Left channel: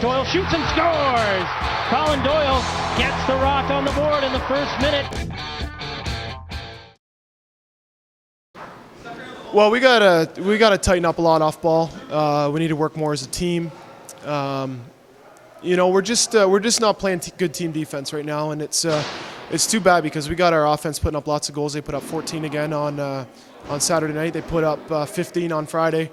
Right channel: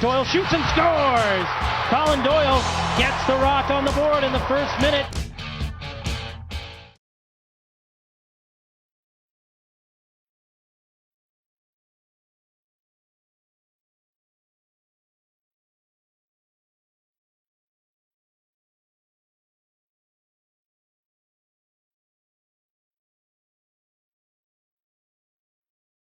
Doyle shoots and scores! Colin Doyle gets the Rock on the board in the first minute. Well, we gotta tighten up a lot off ball. We need to work more as a team. We're just not playing good team defense right now, and it's too bad because we got our offense putting up lots of goals. They put up 14 again on Saturday night. They put up 15 on Friday,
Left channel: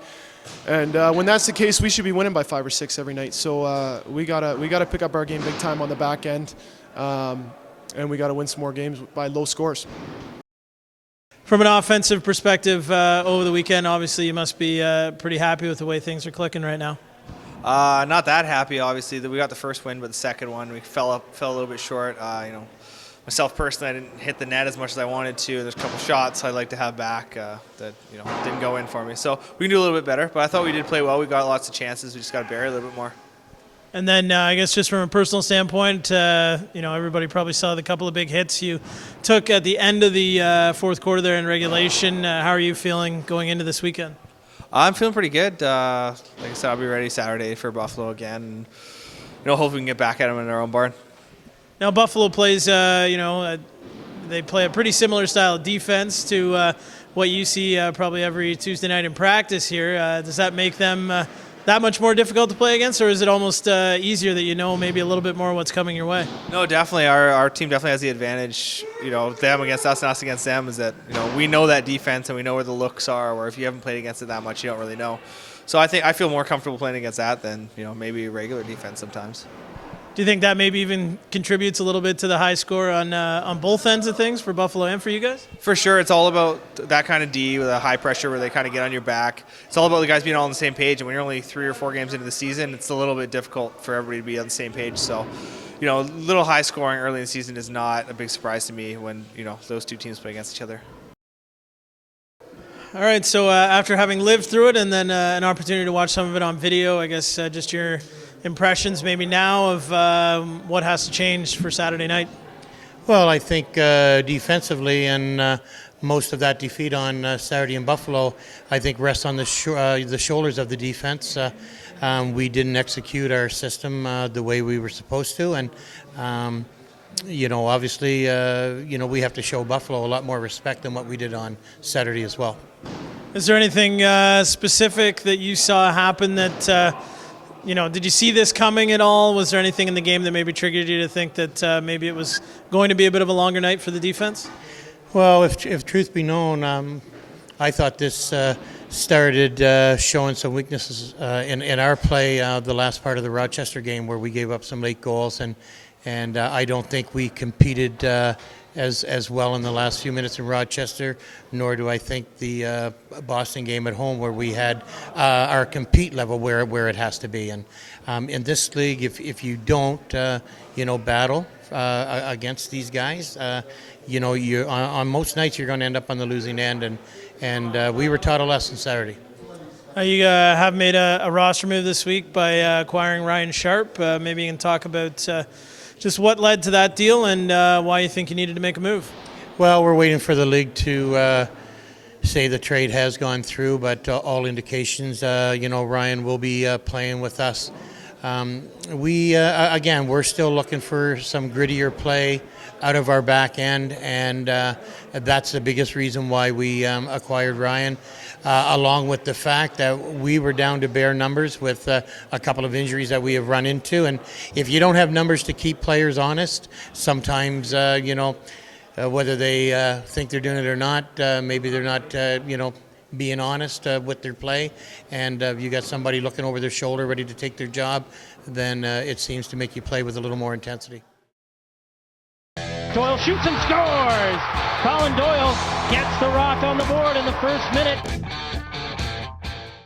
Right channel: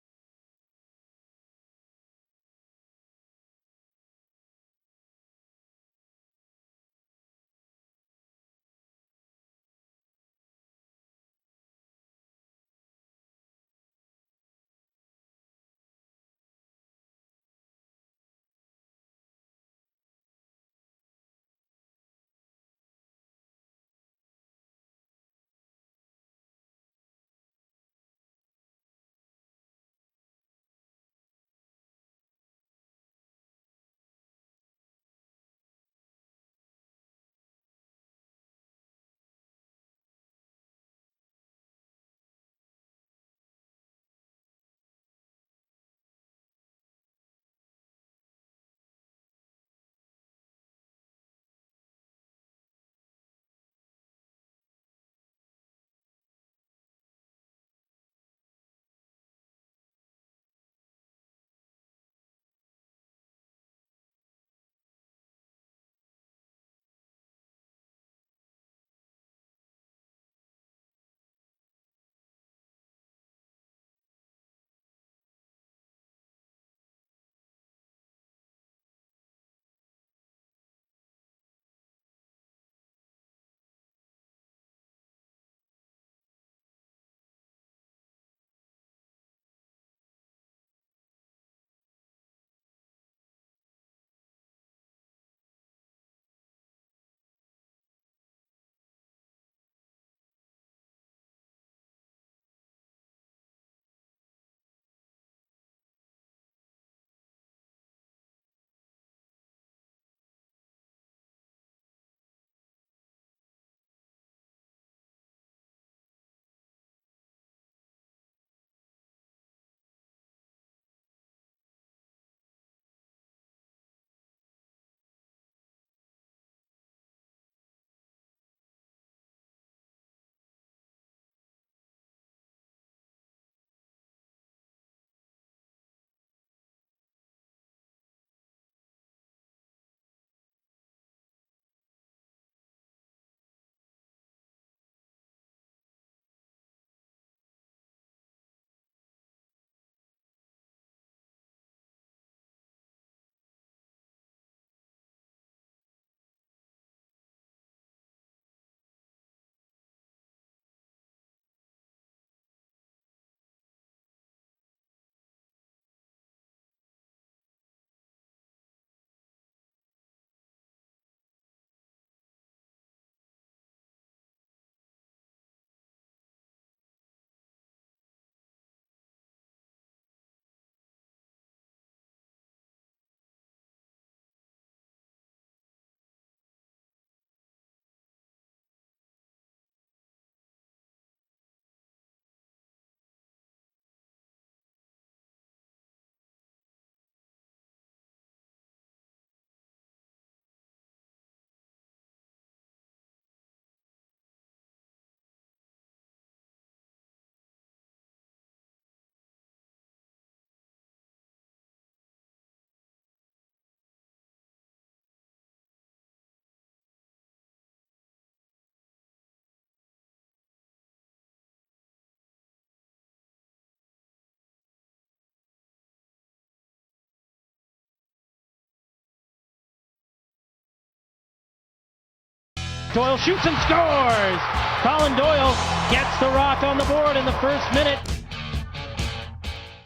and when that's the case, we should be winning by 5 or 6 every night. So we gotta pick up our game big time on the back end, and we gotta win some more games by low scores. From an offensive perspective, over the weekend, obviously you must be pretty happy with the way things are clicking right now. Not that happy, obviously. That we got the first win, but the second one we fell a little bit short. Myself personally, I didn't hit the net as much as I wanted to. There's a couple shots I'd like to have back that didn't go in for me. So we can do a little bit better, but I thought we did play well. We got lots of chances. We just got to bury a little bit more. And then I guess just from a personal standpoint, everybody probably saw the couple of big hits you took at the end of the fourth quarter there in regulation. How are you feeling going into this weekend? I'm feeling pretty good. Like I said, I'll be ready Saturday for Buffalo again. And, hopefully we can get back at them in our own barn. Now Buffalo plays, they play a pretty similar style of defense to what you see probably every Tuesday night in practice here. Does that make them that much more difficult to play against, or is it almost easier that maybe a little bit more what's coming your way? No, definitely. Our team definitely has the advantage, them against us and us against them, is that, we know that defense and we know where the looks are, where if you haven't played against it that much, you don't really know. So I feel more comfortable playing against that than, maybe regular defense sometimes. Do you think that maybe even contributes a little bit to the high score on both ends of things for Buffalo and for you guys? For sure. It's all about that kind of D with a high pressure where they kind of get on your back. It's all about the guys being all on the same page. And when you're only 3 or 4 games into the season, it's a little bit difficult for everybody to be on the same page. So, a little high scoring early in the season is not a big surprise to me when, those two teams play against each other. All right. So after having lived through it and then an opportunity to watch some of it on video, I guess just your impressions maybe now of what has to change for Saturday night? Well, I think defensively and most of that defeat on Saturday in Buffalo, I think rests on the shoulders of the defense. We didn't execute our system the way we were supposed to, and obviously, we have to show Buffalo a lot more respect than what we did on Saturday as well. Is there anything specific that you saw happen that did you see this coming at all? Was there anything in the game that maybe triggered you to think that maybe it was going to be a bit of a longer night for the defense? Well, if truth be known, I thought this started showing some weaknesses in our play the last part of the Rochester game where we gave up some late goals, and I don't think we competed as well in the last few minutes in Rochester, nor do I think the Boston game at home where we had our compete level where it has to be. And in this league, if you don't, battle against these guys, you on most nights you're going to end up on the losing end, and we were taught a lesson Saturday. You have made a roster move this week by acquiring Ryan Sharp. Maybe you can talk about just what led to that deal and why you think you needed to make a move. Well, we're waiting for the league to say the trade has gone through, but all indications, Ryan will be playing with us. We're still looking for some grittier play out of our back end, and that's the biggest reason why we acquired Ryan, along with the fact that we were down to bare numbers with a couple of injuries that we have run into. And if you don't have numbers to keep players honest, sometimes, whether they think they're doing it or not, maybe they're not, being honest with their play, and you got somebody looking over their shoulder ready to take their job, then it seems to make you play with a little more intensity. Doyle shoots and scores! Colin Doyle gets the Rock on the board in the first minute.